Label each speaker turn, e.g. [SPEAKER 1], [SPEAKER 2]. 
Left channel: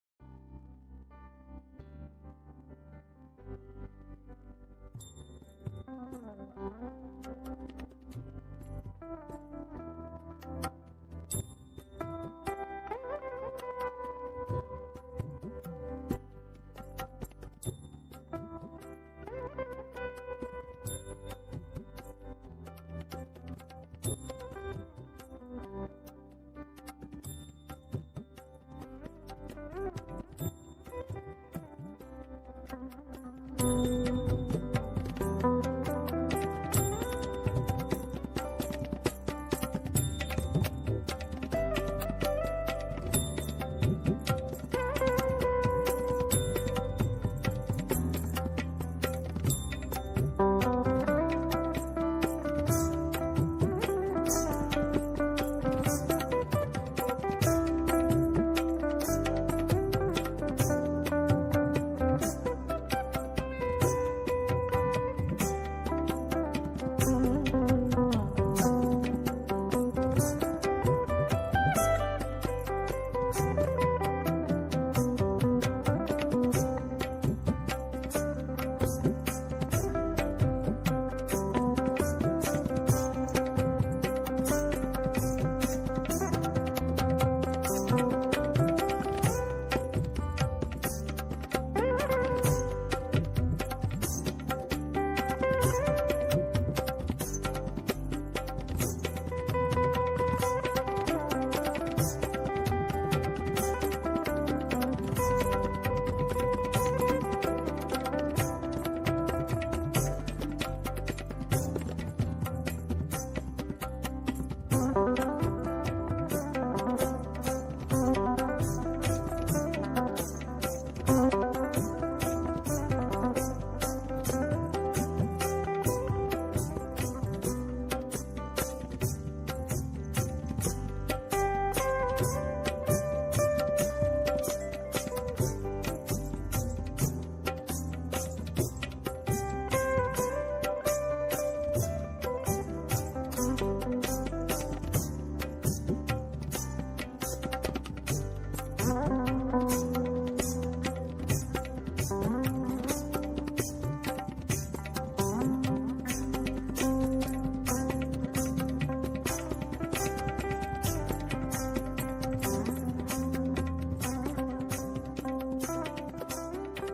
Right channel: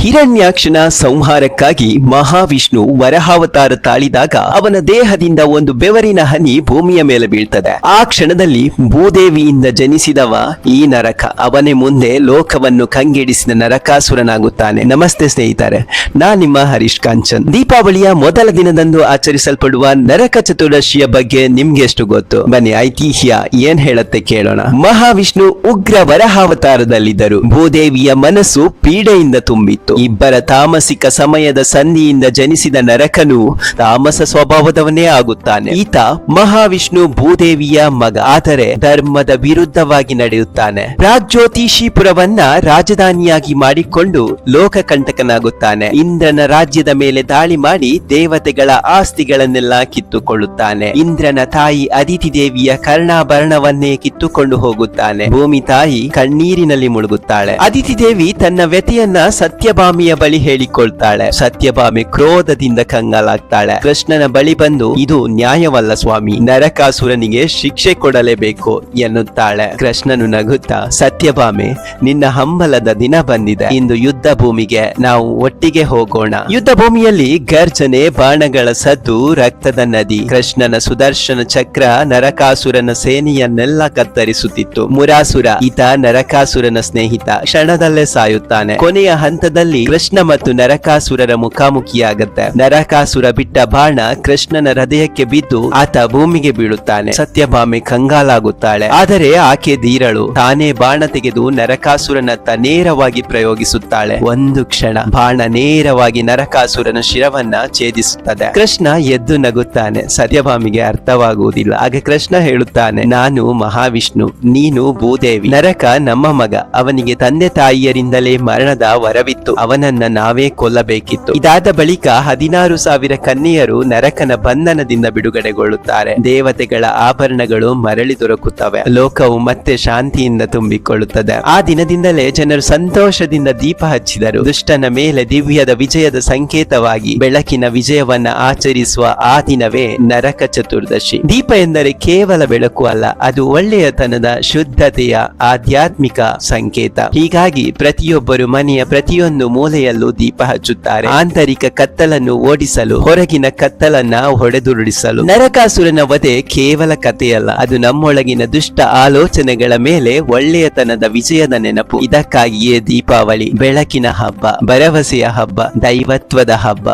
[SPEAKER 1] ಹಿರಣ್ಯಾಕ್ಷನ ಸಂಹಾರಕ್ಕಾಗಿ ಮಹಾವಿಷ್ಣು ವರಹಾವತಾರ ತಾಳಿದಾಗ ಅವನ ದೇಹದಿಂದ ಒಂದು ಬೆವರಿನ ಹನಿ ಭೂಮಿಯ ಮೇಲೆ ಬೀಳ್ತದೆ. ಆ ಕ್ಷಣದಲ್ಲಿ ಭೂದೇವಿಯಿಂದ ಜನಿಸಿದವ ಈ ನರಕ ಅವನೇ ಮುಂದೆ ಲೋಕವನ್ನು ಕಂಗೆಡಿಸಿದ ನರಕಾಸುರನಾಗುತ್ತಾನೆ. ನಮಸ್ತೆ ಸ್ನೇಹಿತರೆ ನಾ ನಿಮ್ಮ ಹರೀಶ್ ಕಾಂಚನ್. ದೀಪಾವಳಿಯ ಮೊದಲ ದಿನದಂದು ಆಚರಿಸಲ್ಪಡುವ ನರಕ ಚತುರ್ದಶಿಯ ಬಗ್ಗೆ ನಿಮ್ಗೆ ಎಷ್ಟು ಗೊತ್ತು? ಬನ್ನಿ, ಐತಿಹ್ಯ ಏನ್ ಹೇಳತ್ತೆ ಕೇಳೋಣ. ಮಹಾವಿಷ್ಣು ಉಗ್ರ ವರಹಾವತಾರದಲ್ಲಿದ್ದರು. ಭೂದೇವಿಯ ಮನಸ್ಸು ಪೀಡೆಯಿಂದ ತುಂಬಿತ್ತು. ಇಬ್ಬರ ತಾಮಸಿಕ ಸಮಯದ ಸಂಧಿಯಿಂದ ಜನಿಸಿದ ನರಕನು ತಾಮಸ ಸ್ವಭಾವದವನೇ ಆಗುತ್ತಾನೆ. ಈತ ಮಹಾವಿಷ್ಣು ಭೂದೇವಿಯ ಮಗ, ಆದರೆ ಧರ್ಮದ ವಿರುದ್ಧವಾಗಿ ನಡೆಯುತ್ತಾನೆ. ಪ್ರಾಗ್ಜ್ಯೋತಿಷಿಪುರವನ್ನ ರಾಜಧಾನಿಯಾಗಿ ಮಾಡಿಕೊಂಡು ಲೋಕಕಂಟಕನಾಗುತ್ತಾನೆ. ಇಂದ್ರನ ರಾಜ್ಯದ ಮೇಲೆ ದಾಳಿ ಮಾಡಿ ದೇವತೆಗಳ ಆಸ್ತಿಗಳನ್ನೆಲ್ಲ ಕಿತ್ತುಕೊಳ್ಳುತ್ತಾನೆ. ಇಂದ್ರನ ತಾಯಿ ಅದಿತಿ ದೇವಿಯ ಕರ್ಣಾಭರಣವನ್ನೇ ಕಿತ್ತುಕೊಂಡು ಹೋಗುತ್ತಾನೆ. ಭೂಮಿ ತಾಯಿ ಕಣ್ಣೀರಿನಲ್ಲಿ ಮುಳುಗುತ್ತಾಳೆ. ಅದಿತಿ ದೇವಿ ತನ್ನ ವ್ಯತೆಯನ್ನ ಸತ್ಯಭಾಮಿಯ ಬಳಿ ಹೇಳಿಕೊಳ್ತಾಳೆ. ಸತ್ಯಭಾಮಿ ಕ್ರೋಧದಿಂದ ಕಂಗಾಲಾಗ್ತಾಳೆ. ಕೃಷ್ಣನ ಬಳಿ ಬಂದು, ಇದು ನ್ಯಾಯವಲ್ಲ ಸ್ವಾಮಿ, ನರಕಾಸುರನಿಗೆ ಶಿಕ್ಷೆ ಕೊಡಲೇಬೇಕು ಎನ್ನುತ್ತಾಳೆ. ಕೃಷ್ಣನು ನಗುತ್ತಾ, ಸತ್ಯಭಾಮೆ, ನಿನ್ನ ಹಂಬಲದ ದಿನ ಬಂದಿದೆ. ಇಂದು ಯುದ್ಧ ಭೂಮಿಗೆ ನಾವು ಒಟ್ಟಿಗೆ ಹೋಗೋಣ. ಯುದ್ಧ ಭೂಮಿಯಲ್ಲಿ ಗರ್ಜನೆ, ಬಾಣಗಳ ಸದ್ದು, ರಕ್ತದ ನದಿ, ಕೃಷ್ಣನ ಸುದರ್ಶನ ಚಕ್ರ, ನರಕಾಸುರನ ಸೇನೆಯನ್ನೆಲ್ಲ ಕತ್ತರಿಸುತ್ತಿತ್ತು. ಮುರಾಸುರ, ಈತ ನರಕಾಸುರನ ಸ್ನೇಹಿತ, ಕ್ಷಣದಲ್ಲೇ ಸಾಯುತ್ತಾನೆ. ಕೊನೆಯ ಹಂತದಲ್ಲಿ ಕೃಷ್ಣ ಮತ್ತು ನರಕಾಸುರರ ಮುಖಾಮುಖಿಯಾಗತ್ತೆ. ನರಕಾಸುರ ಬಿಟ್ಟ ಬಾಣ ಕೃಷ್ಣನ ಹೃದಯಕ್ಕೆ ಬಿದ್ದು ಆತ ಭೂಮಿಗೆ ಬೀಳುತ್ತಾನೆ. ಸತ್ಯಭಾಮೆ ಕಂಗಾಲಾಗುತ್ತಾಳೆ. ಆದರೆ ಆಕೆ ಧೀರಳು. ತಾನೇ ಬಾಣ ತೆಗೆದು ನರಕಾಸುರನತ್ತ ನೇರವಾಗಿ ಪ್ರಯೋಗಿಸುತ್ತಾಳೆ. ಒಂದು ಕ್ಷಣ ಬಾಣ ನೇರವಾಗಿ ನರಕಾಸುರನ ಶಿರವನ್ನ ಛೇದಿಸುತ್ತದೆ. ಕೃಷ್ಣ ಎದ್ದು ನಗುತ್ತಾನೆ. ಸತ್ಯಭಾಮಿಗೆ ಅರ್ಥವಾಗುವುದಿಲ್ಲ. ಆಗ ಕೃಷ್ಣ ಹೇಳುತ್ತಾನೆ, ನಾನು ಮಹಾವಿಷ್ಣು. ನೀನು ಭೂದೇವಿ. ನರಕ ನಮ್ಮ ಮಗ. ಅವನಿಗೆ ತಂದೆ ತಾಯಿಯರಿಂದಲೇ ಮರಣದ ವರವಿತ್ತು. ಅವನನ್ನ ನಾವೇ ಕೊಲ್ಲಬೇಕಿತ್ತು. ಇದಾದ ಬಳಿಕ ಹದಿನಾರು ಸಾವಿರ ಕನ್ಯೆಯರು ನರಕನ ಬಂಧನದಿಂದ ಬಿಡುಗಡೆಗೊಳ್ಳುತ್ತಾರೆ. ದೇವತೆಗಳ ಆಭರಣಗಳು ಮರಳಿ ದೊರಕುತ್ತವೆ. ಲೋಕವು ಮತ್ತೆ ಶಾಂತಿಯಿಂದ ತುಂಬಿಕೊಳ್ಳುತ್ತದೆ. ಆ ದಿನದಿಂದಲೇ ಜನರು ಸಂತೋಷದಿಂದ ದೀಪ ಹಚ್ಚಿದರು. ದುಷ್ಟನ ಮೇಲೆ ದಿವ್ಯದ ವಿಜಯದ ಸಂಕೇತವಾಗಿ ಬೆಳಕಿನ ವಿಜಯವನ್ನ ಆಚರಿಸುವ ಆ ದಿನವೇ ನರಕ ಚತುರ್ದಶಿ. ದೀಪ ಎಂದರೆ ಕೇವಲ ಬೆಳಕು ಅಲ್ಲ, ಅದು ಒಳ್ಳೆಯತನದ ಶುದ್ಧತೆಯ ಆಧ್ಯಾತ್ಮಿಕ ಸಂಕೇತ. ಹೀಗಾಗಿ ಪ್ರತಿಯೊಬ್ಬರು ಮನೆಯ ಪ್ರತಿಯೊಂದು ಮೂಲೆಯಲ್ಲೂ ದೀಪ ಹಚ್ಚುತ್ತಾರೆ. ಆಂತರಿಕ ಕತ್ತಲನ್ನು ಓಡಿಸಲು, ಹೊರಗಿನ ಕತ್ತಲನ್ನ ಹೊಡೆದುರುಳಿಸಲು. ನರಕಾಸುರನ ವಧೆ ಕೇವಲ ಕಥೆಯಲ್ಲ, ಅದು ನಮ್ಮೊಳಗಿನ ದುಷ್ಟ ಆಲೋಚನೆಗಳ ಮೇಲೆ ಒಳ್ಳೆಯತನದ ವಿಜಯದ ನೆನಪು. ಇದಕ್ಕಾಗಿಯೇ ದೀಪಾವಳಿ, ಬೆಳಕಿನ ಹಬ್ಬ, ಭರವಸೆಯ ಹಬ್ಬ, ದೈವತ್ವದ ಹಬ್ಬ.